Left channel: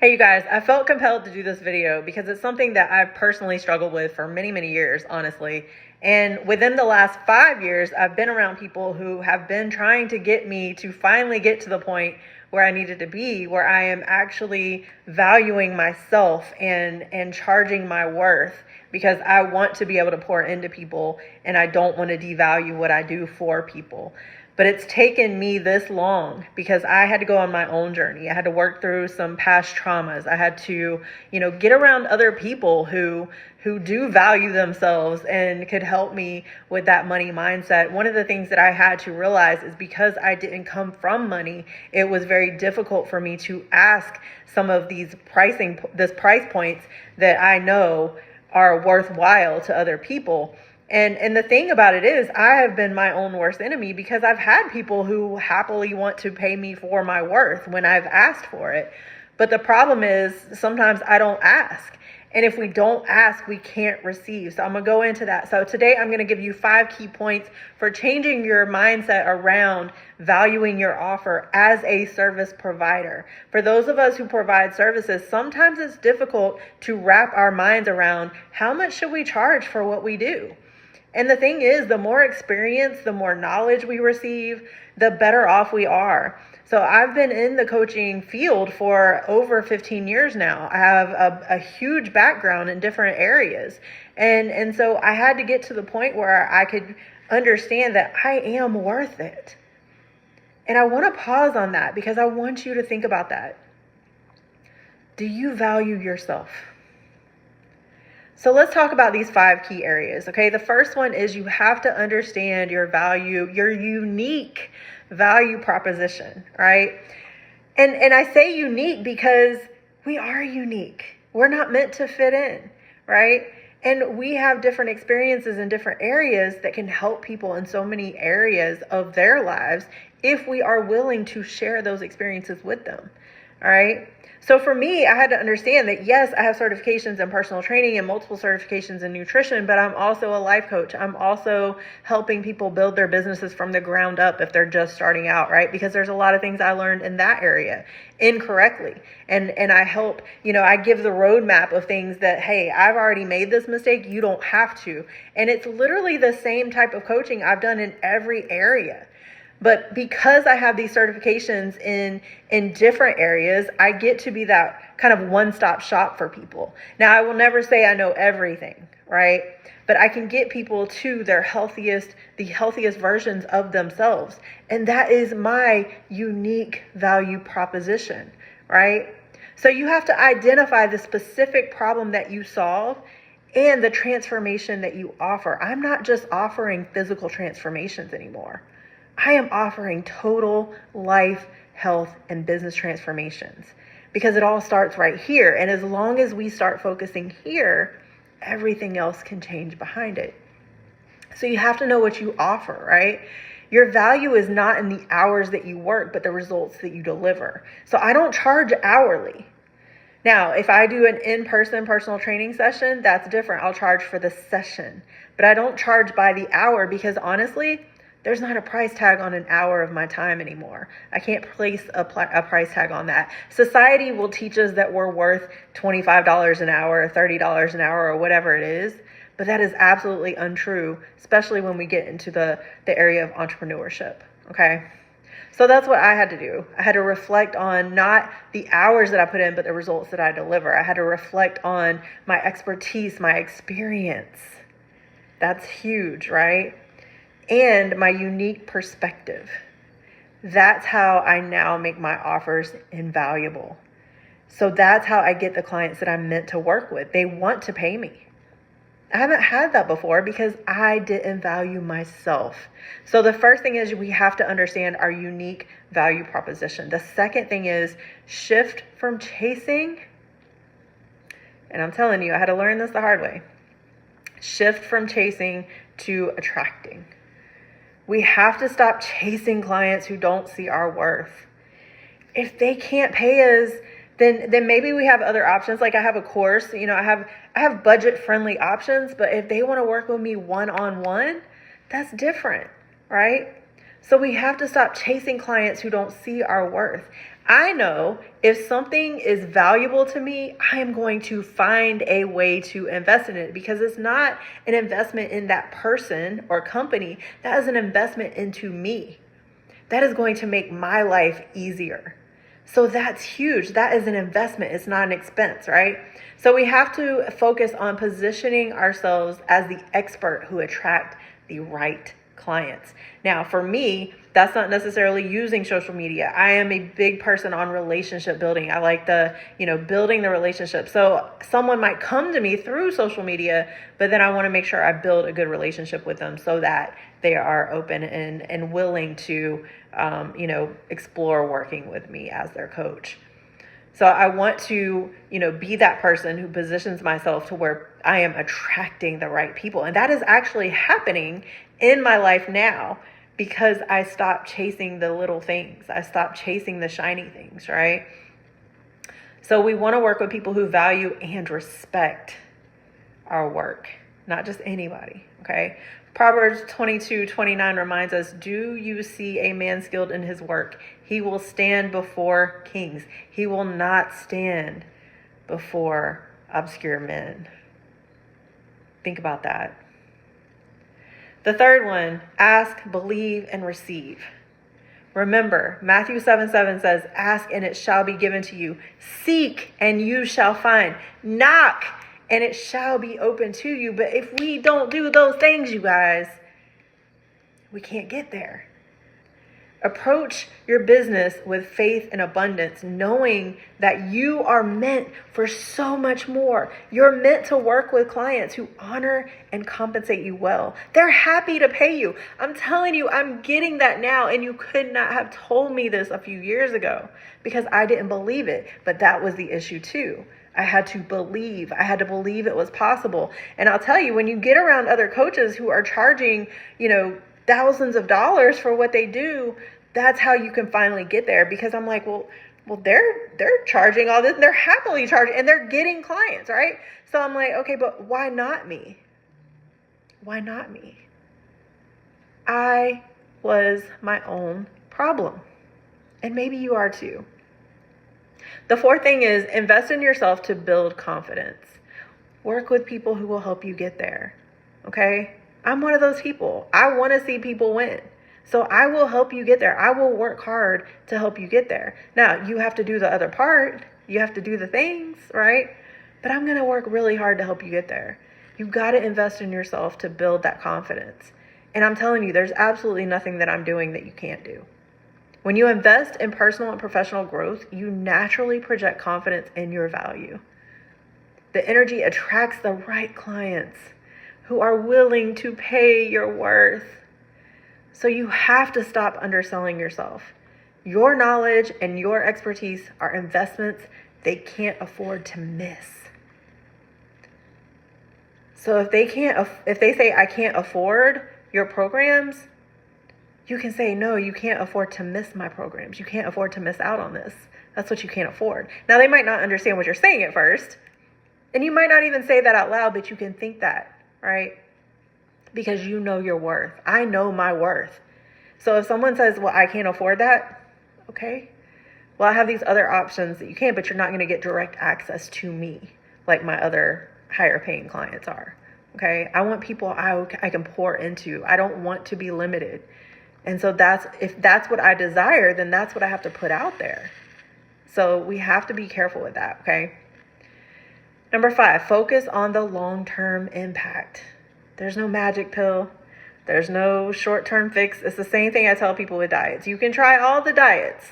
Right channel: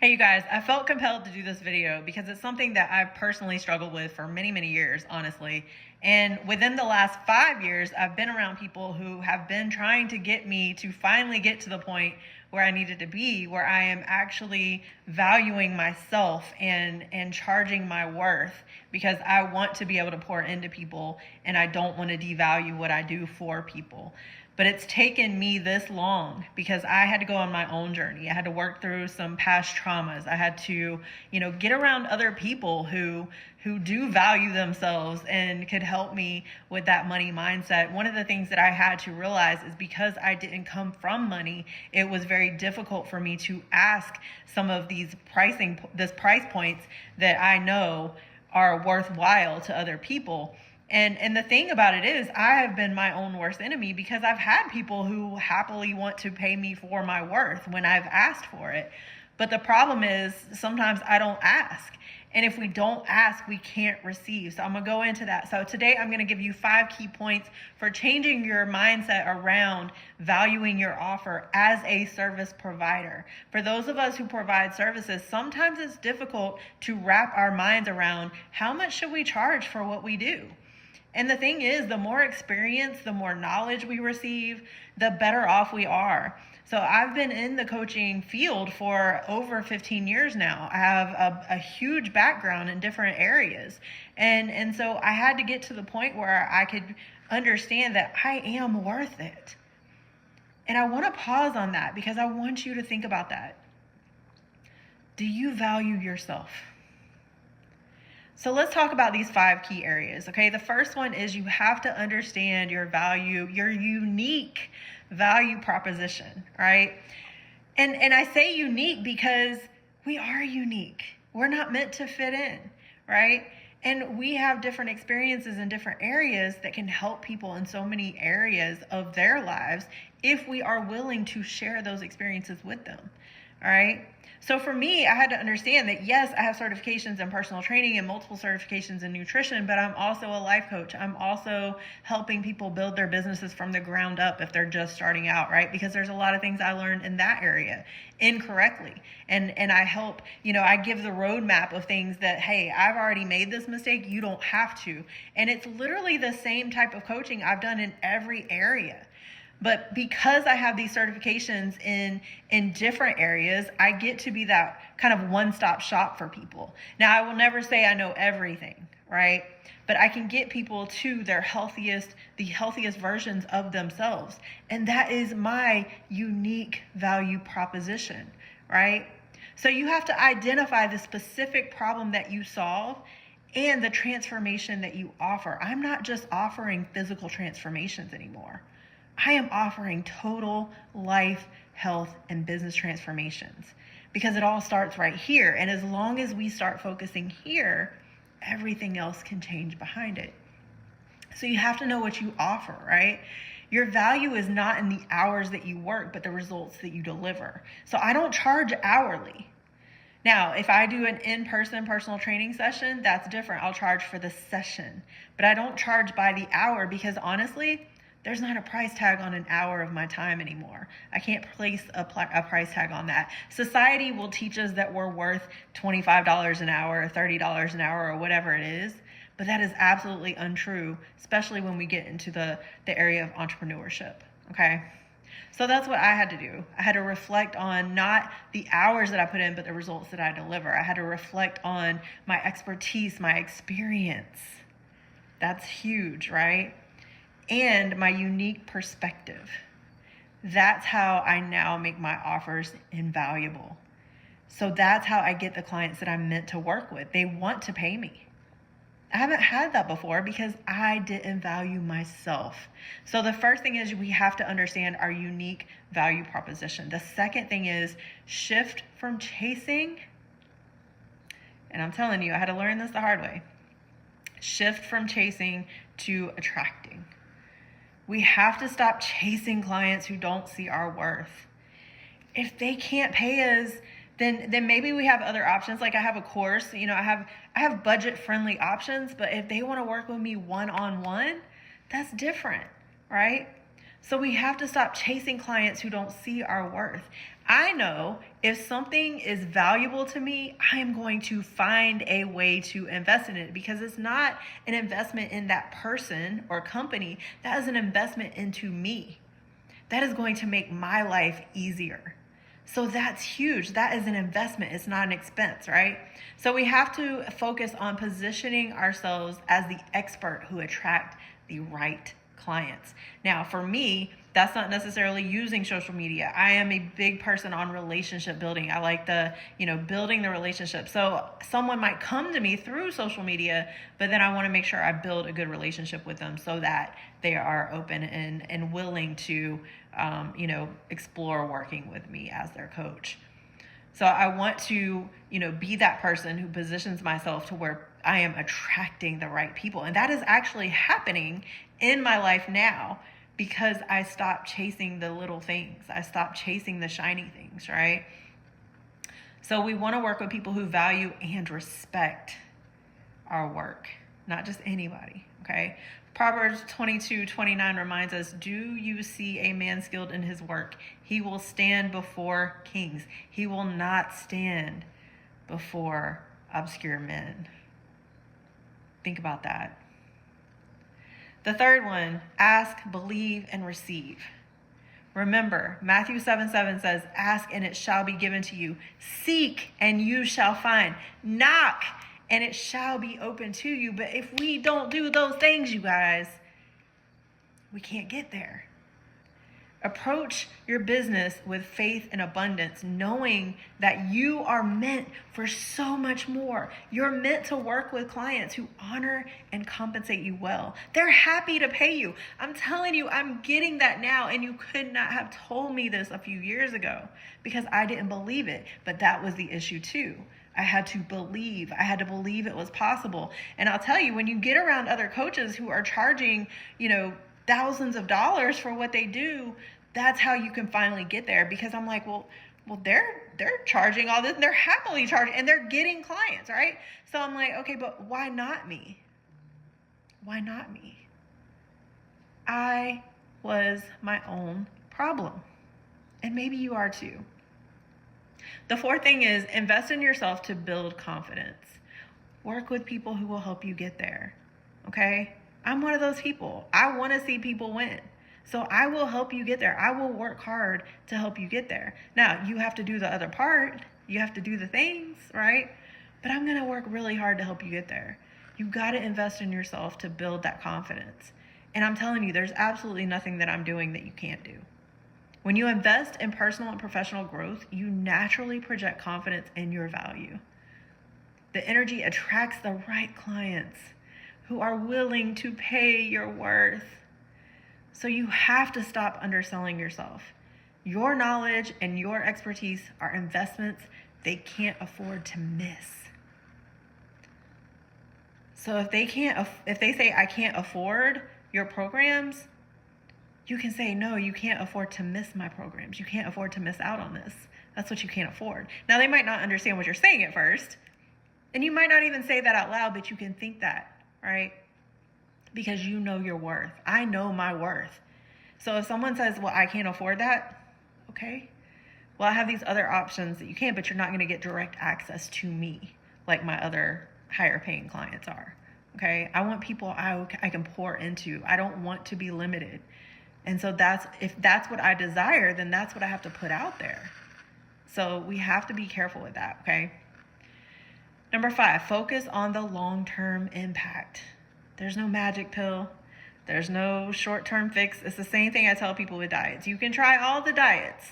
Hey, you guys, I felt compelled to do this video because it's something that I've personally struggled with for many, many years, honestly. And within the last 5 years, I've been around people who have been trying to get me to finally get to the point where I needed to be, where I am actually valuing myself and charging my worth, because I want to be able to pour into people and I don't want to devalue what I do for people. But it's taken me this long because I had to go on my own journey. I had to work through some past traumas. I had to, get around other people who do value themselves and could help me with that money mindset. One of the things that I had to realize is because I didn't come from money, it was very difficult for me to ask some of these price points that I know are worthwhile to other people. And the thing about it is, I have been my own worst enemy because I've had people who happily want to pay me for my worth when I've asked for it. But the problem is sometimes I don't ask. And if we don't ask, we can't receive. So I'm going to go into that. So today I'm going to give you 5 key points for changing your mindset around valuing your offer as a service provider. For those of us who provide services, sometimes it's difficult to wrap our minds around how much should we charge for what we do. And the thing is, the more experience, the more knowledge we receive, the better off we are. So I've been in the coaching field for over 15 years now. I have a huge background in different areas. And so I had to get to the point where I could understand that I am worth it. And I want to pause on that because I want you to think about that. Do you value yourself? So let's talk about these 5 key areas, okay? The first one is you have to understand your value, your unique value proposition, right? And I say unique because we are unique. We're not meant to fit in, right? And we have different experiences in different areas that can help people in so many areas of their lives if we are willing to share those experiences with them, all right? So for me, I had to understand that, yes, I have certifications in personal training and multiple certifications in nutrition, but I'm also a life coach. I'm also helping people build their businesses from the ground up if they're just starting out, right? Because there's a lot of things I learned in that area incorrectly. And I help, I give the roadmap of things that, hey, I've already made this mistake. You don't have to. And it's literally the same type of coaching I've done in every area. But because I have these certifications in different areas, I get to be that kind of one-stop shop for people. Now, I will never say I know everything, right? But I can get people to the healthiest versions of themselves. And that is my unique value proposition, right? So you have to identify the specific problem that you solve and the transformation that you offer. I'm not just offering physical transformations anymore. I am offering total life, health, and business transformations because it all starts right here. And as long as we start focusing here, everything else can change behind it. So you have to know what you offer, right? Your value is not in the hours that you work, but the results that you deliver. So I don't charge hourly. Now, if I do an in-person personal training session, that's different. I'll charge for the session, but I don't charge by the hour because honestly, there's not a price tag on an hour of my time anymore. I can't place a price tag on that. Society will teach us that we're worth $25 an hour, or $30 an hour, or whatever it is. But that is absolutely untrue, especially when we get into the area of entrepreneurship, okay? So that's what I had to do. I had to reflect on not the hours that I put in, but the results that I deliver. I had to reflect on my expertise, my experience. That's huge, right? And my unique perspective. That's how I now make my offers invaluable. So that's how I get the clients that I'm meant to work with. They want to pay me. I haven't had that before because I didn't value myself. So the first thing is we have to understand our unique value proposition. The second thing is shift from chasing. And I'm telling you, I had to learn this the hard way. Shift from chasing to attracting. We have to stop chasing clients who don't see our worth. If they can't pay us, then maybe we have other options. Like I have a course, I have budget-friendly options, but if they want to work with me one-on-one, that's different, right? So we have to stop chasing clients who don't see our worth. I know if something is valuable to me, I am going to find a way to invest in it, because it's not an investment in that person or company. That is an investment into me. That is going to make my life easier. So that's huge. That is an investment. It's not an expense, right? So we have to focus on positioning ourselves as the expert who attract the right clients. Now, for me, that's not necessarily using social media. I am a big person on relationship building. I like building the relationship. So someone might come to me through social media, but then I want to make sure I build a good relationship with them so that they are open and willing to, explore working with me as their coach. So I want to, be that person who positions myself to where I am attracting the right people. And that is actually happening in my life now, because I stopped chasing the little things. I stopped chasing the shiny things, right? So we want to work with people who value and respect our work, not just anybody, okay? Proverbs 22:29 reminds us, do you see a man skilled in his work? He will stand before kings. He will not stand before obscure men. Think about that. The third one, ask, believe, and receive. Remember, Matthew 7:7 says, ask and it shall be given to you. Seek and you shall find. Knock and it shall be open to you. But if we don't do those things, you guys, we can't get there. Approach your business with faith and abundance, knowing that you are meant for so much more. You're meant to work with clients who honor and compensate you well. They're happy to pay you. I'm telling you, I'm getting that now, and you could not have told me this a few years ago because I didn't believe it. But that was the issue too. I had to believe. I had to believe it was possible. And I'll tell you, when you get around other coaches who are charging, thousands of dollars for what they do, that's how you can finally get there. Because I'm like, well, they're charging all this, and they're happily charging, and they're getting clients, right? So I'm like, okay, but why not me? Why not me? I was my own problem, and maybe you are too. The fourth thing is invest in yourself to build confidence. Work with people who will help you get there. Okay? I'm one of those people. I want to see people win. So I will help you get there. I will work hard to help you get there. Now, you have to do the other part. You have to do the things, right? But I'm going to work really hard to help you get there. You've got to invest in yourself to build that confidence. And I'm telling you, there's absolutely nothing that I'm doing that you can't do. When you invest in personal and professional growth, you naturally project confidence in your value. The energy attracts the right clients who are willing to pay your worth. So you have to stop underselling yourself. Your knowledge and your expertise are investments they can't afford to miss. So if they say, I can't afford your programs, you can say, no, you can't afford to miss my programs. You can't afford to miss out on this. That's what you can't afford. Now, they might not understand what you're saying at first, and you might not even say that out loud, but you can think that, right? Because you know your worth. I know my worth. So if someone says, well, I can't afford that, okay, well, I have these other options that you can, but you're not going to get direct access to me like my other higher paying clients are, okay? I want people I can pour into. I don't want to be limited. And so if that's what I desire, then that's what I have to put out there. So we have to be careful with that, okay? Number 5, focus on the long-term impact. There's no magic pill. There's no short-term fix. It's the same thing I tell people with diets. You can try all the diets.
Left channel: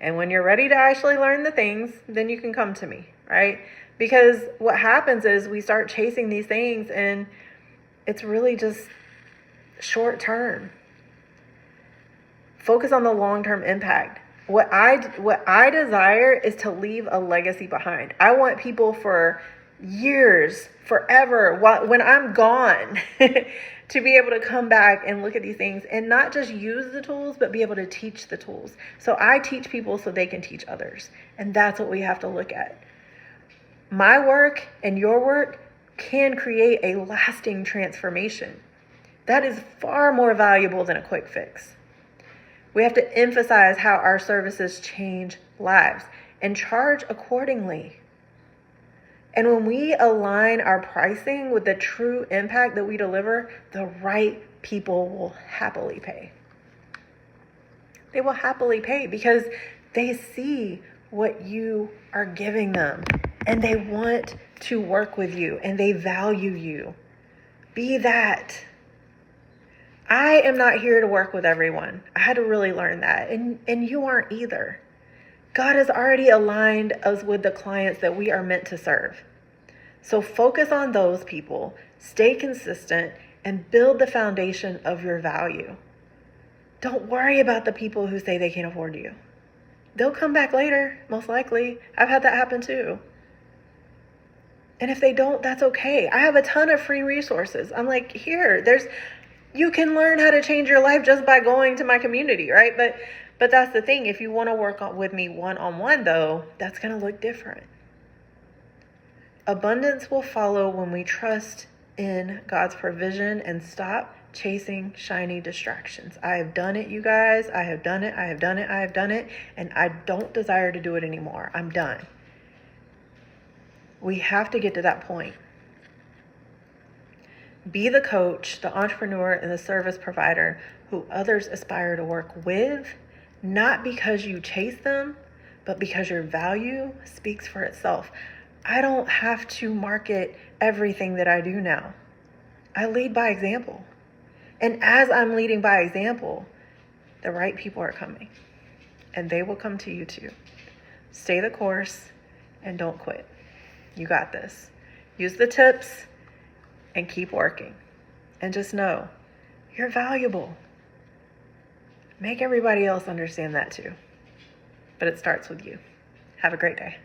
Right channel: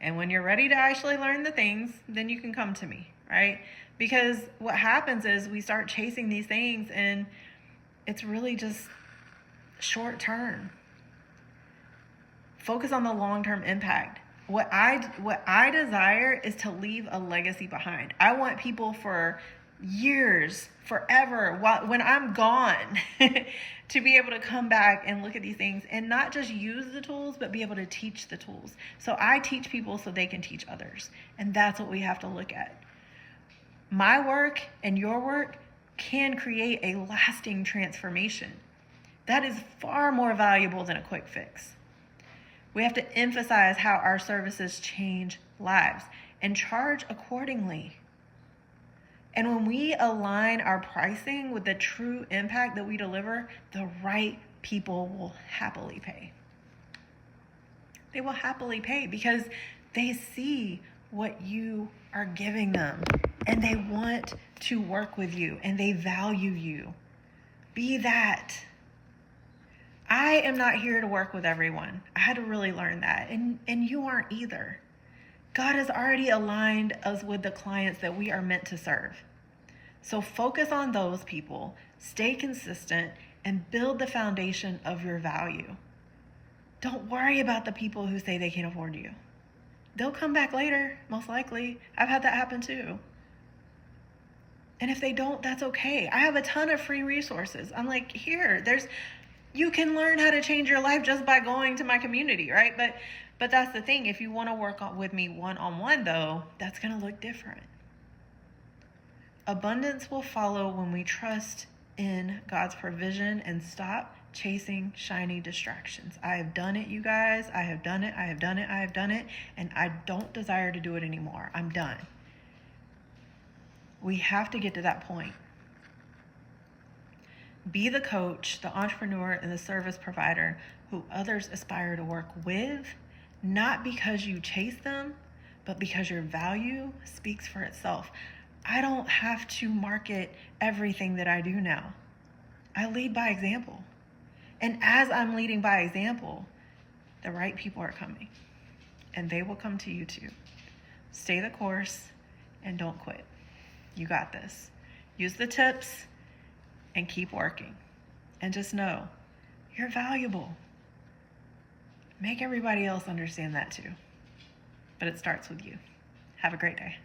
And when you're ready to actually learn the things, then you can come to me, right? Because what happens is we start chasing these things and it's really just short-term. Focus on the long-term impact. What I desire is to leave a legacy behind. I want people for years, forever, when I'm gone, to be able to come back and look at these things and not just use the tools, but be able to teach the tools. So I teach people so they can teach others. And that's what we have to look at. My work and your work can create a lasting transformation. That is far more valuable than a quick fix. We have to emphasize how our services change lives and charge accordingly. And when we align our pricing with the true impact that we deliver, the right people will happily pay. They will happily pay because they see what you are giving them and they want to work with you and they value you. Be that. I am not here to work with everyone. I had to really learn that. And you aren't either. God has already aligned us with the clients that we are meant to serve. So focus on those people, stay consistent, and build the foundation of your value. Don't worry about the people who say they can't afford you. They'll come back later, most likely. I've had that happen too. And if they don't, that's okay. I have a ton of free resources. I'm like, you can learn how to change your life just by going to my community, right? But that's the thing. If you want to work with me one-on-one though, that's going to look different. Abundance will follow when we trust in God's provision and stop chasing shiny distractions. I have done it, you guys. I have done it. And I don't desire to do it anymore. I'm done. We have to get to that point. Be the coach, the entrepreneur, and the service provider who others aspire to work with, not because you chase them, but because your value speaks for itself. I don't have to market everything that I do now. I lead by example. And as I'm leading by example, the right people are coming. And they will come to you too. Stay the course and don't quit. You got this. Use the tips and keep working. And just know, you're valuable. Make everybody else understand that too. But it starts with you. Have a great day.